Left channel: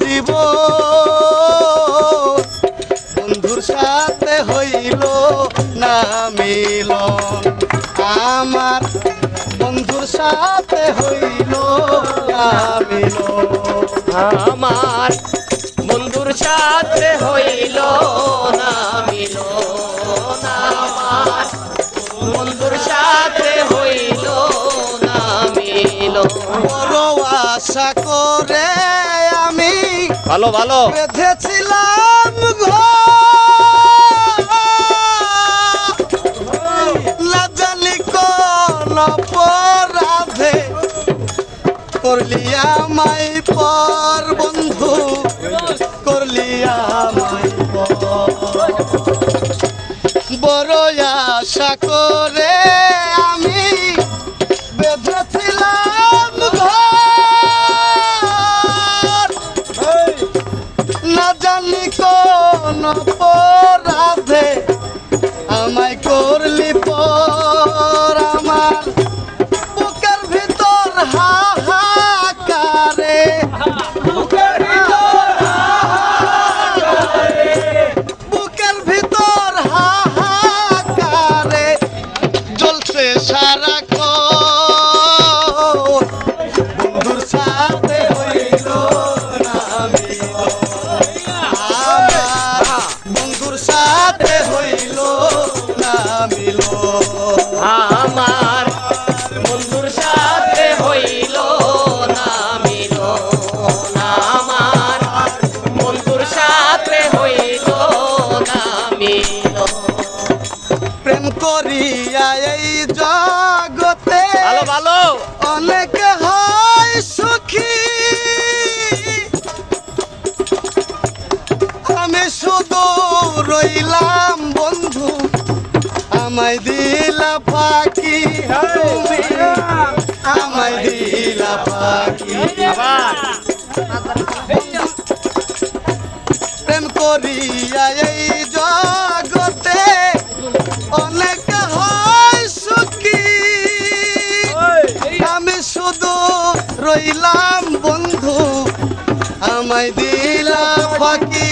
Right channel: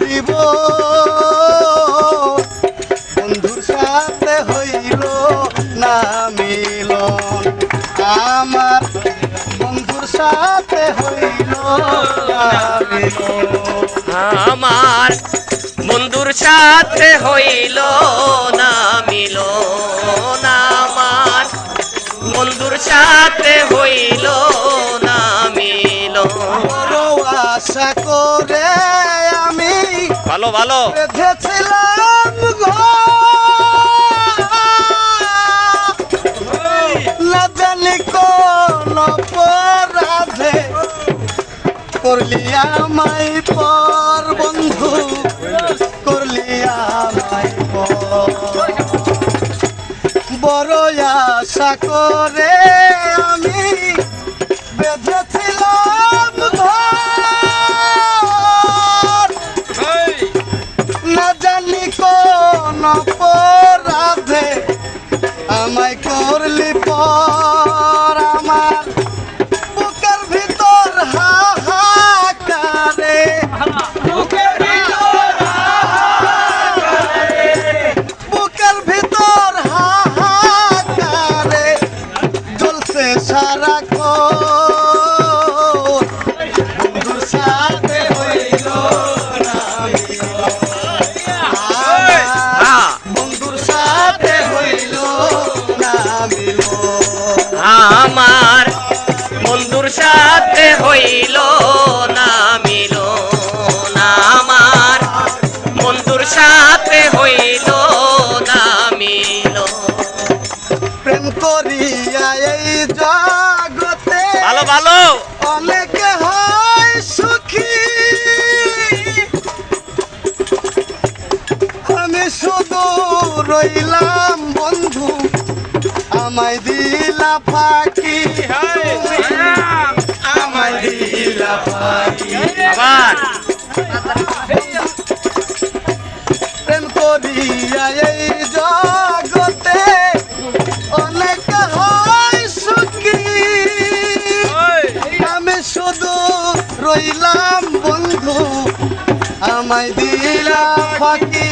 দিব বন্ধুর সাথে হইল না মিলন আমার বন্ধুর সাথে হইল না মিলন আমার বন্ধুর সাথে হইল না মিলন আমার বন্ধুর সাথে হইল না মিলন বড় আশা করে আমি ভালো ভালো বেঁধেছিলাম না জানি কোন অপরাধে করলি আমায় পর বন্ধু করলি আমায় পর বড় আশা করে আমি বেঁধেছিলাম না জানি কোন অপরাধে আমায় করলি পর আমার বুকের ভিতর হাহাকারে বুকের ভিতর হাহাকারে জ্বলছে সারা বন্ধুর সাথে হইল না বন্ধুর সাথে হইল না আমার বন্ধুর সাথে হইল না মিলন আমার বন্ধুর সাথে হইল না মিলন প্রেম করিয়া এই জগতে ভালো ভালো অনেকে হয় সুখী আমি শুধু রইলাম বন্ধু আমায় দিলা ফাঁকি আমায় দিলা ফাঁকি আবার প্রেম করিয়া এই জগতে অনেক হয় সুখী আমি শুধু রইলাম বন্ধু আমায় দিলা ফাঁকি